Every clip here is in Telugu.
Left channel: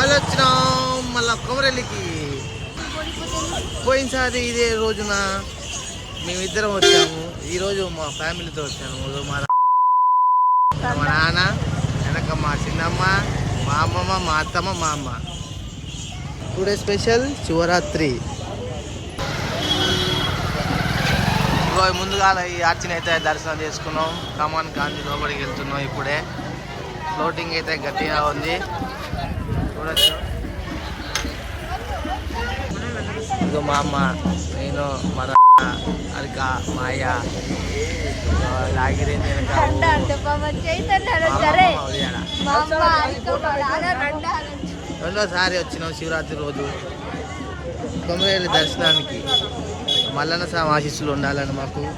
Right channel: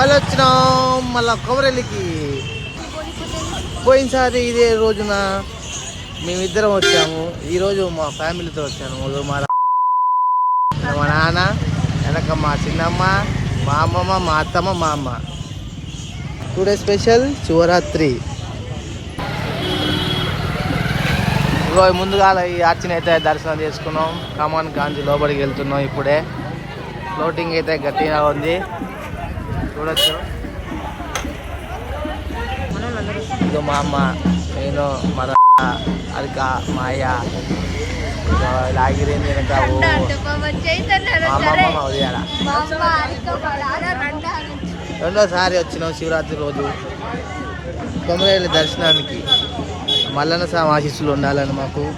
మళ్ళీ వచ్చినాం మళ్ళా కొమరెల్లికి. పోయినసారి ఇదే రోజున మేమిద్దరం వచ్చాము. ఈరోజు మా ఫ్యామిలీతో వచ్చాను. మా మా నాన్న వెనక మా చిన్నమ్మ మా అమ్మమ్మ మా అత్తమ్మ మా అమ్మ. Today special Shivaratri. ఇగో ముందుగా ఈ ఆర్చిని అయితే దర్శనం చేసుకున్నాం. కమాన్ గాంధీ లోపలికి వెళ్తున్నాం ఇప్పుడే. ఫ్లోటింగ్ అయితే గట్టిగా ఉంది. చూడొచ్చు. ఇదిగో మా అమ్మ నేను మా రా- అరిక మా అయ్య లాగిరేంది వెనక మా అమ్మమ్మ మా ఉదయాల రెండోసారి వచ్చినాం శివరాత్రి రోజు. కొమరేళ్ళ దర్శనానికి. మల్లన్న స్వామి ఆశీస్సులు ఉండాలని మాకు.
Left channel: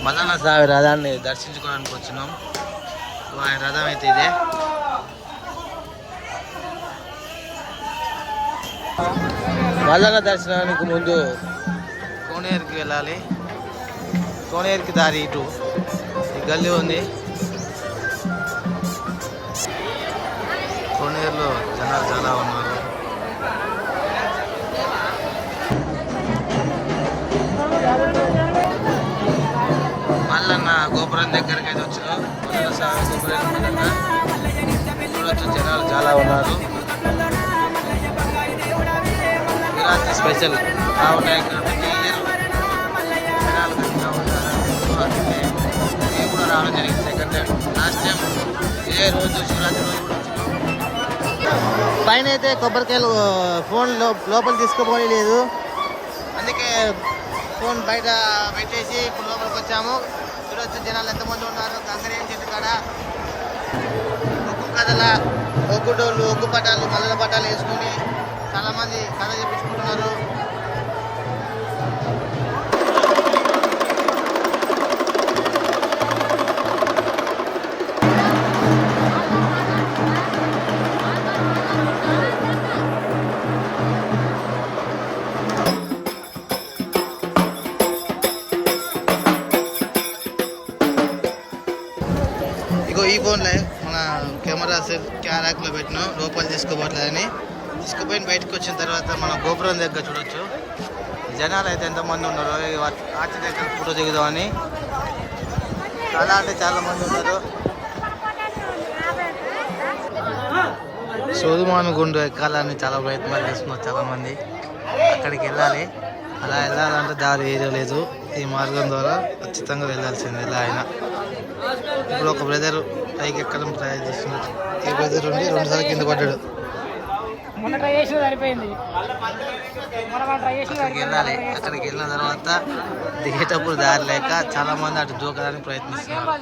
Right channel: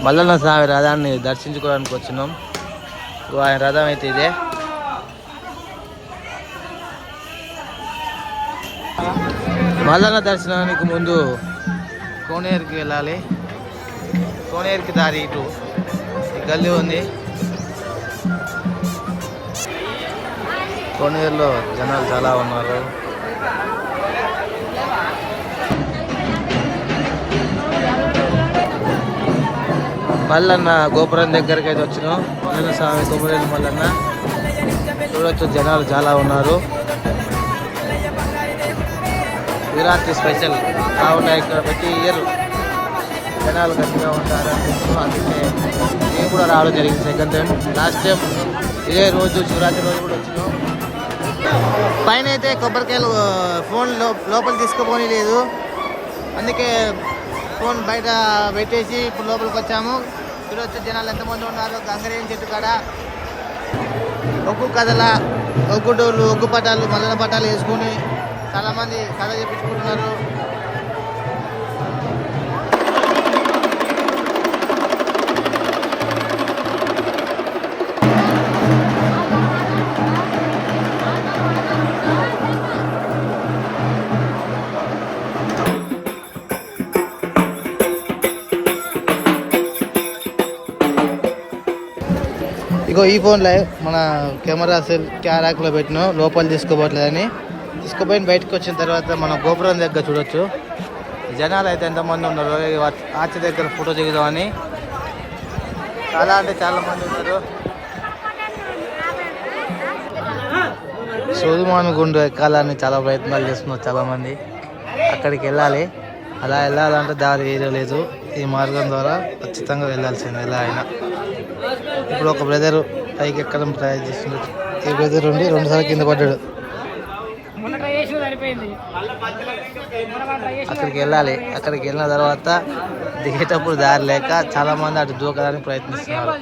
మల్లన్న స్వామి రథాన్ని దర్శించుకోవడానికి వచ్చినాం. ఆయన రథం అయితే ఇదే. కోనేరుకి వెళ్ళాలి. కోనేరుకి దారి ఇటు. ఈ గల్లీ ఉంది. కోనేరులో జనాలు చాలా ఉన్నారు. మల్లన్న గోపురం దగ్గరికి అయితే వచ్చినాం. మల్లన్న స్వామి గోపురం మల్లన్న. చూడొచ్చు జనాలు చాలా ఉన్నారు. శివరాత్రి స్పెషల్. కావున ఇక్కడ ప్రతి ఇయర్ జనాలు గట్టిగా ఉంటారు. అందుకే నేను కూడా రావడం జరిగింది. ఎందుకంటే లాస్ట్ టైం ఇదే రోజు శివరాత్రి రోజు కూడా వచ్చినాం. పైన అయితే కొబ్బరికాయలు ఫోన్లో లోపల తీసుకుపోని లేదు. అందుకే ఫోన్ బయట పెట్టేసి ఇప్పుడు లోపలికి వచ్చాము. చూడొచ్చు జనాలు ఎంతమంది ఉన్నారు. గంగరేం చెట్టు కాడ. ఒక్కొక్క కథన ఒక్కుంటూరు ఒక్కు పట్టాలు చాలా మంది కథ చెప్పించుకుంటున్నారు ఇగో ఈ ఫోన్లో మన కెమెరా సెల్ క్యారాక్లో పెట్టిన లోపల తీసుకోబోట్లేదని. తీసుకుపోయిన బయటకు వచ్చిన తర్వాత మన గోపురం దగ్గర చూడొచ్చు. జనాలు అయితే ఎంతమంది ఉన్నారు ఆర్చి దగ్గర ఫోటో దిగుదామని. చాలా అంటే చాలా మంది ఉన్నారు. సోదుమాను గుండు ఎక్కాలని చాలా ప్రయత్నాలు చేస్తున్నారు చాలామంది. అక్కడికి వెళ్ళాలి. అలా వెళ్ళాలంటే దారి ఏదో లేదు. ఈ మార్గం ద్వారా ఖచ్చితంగా వెళ్ళాల్సిందే ఎలా అయినా. ఇప్పుడు ఒక బ్రదర్ పైకి ఎక్కడం ట్రై చేస్తున్నారు. ఈ బ్రదర్ ఉండి రెండుసార్లు కింద పడ్డాడు. అక్కడికి వెళ్ళాలి. అక్కడికి వెళ్ళిన తర్వాత దిగేటప్పుడు దారి లేక చాలా మంది అటు దూకడానికి ప్రయత్నిస్తున్నారు.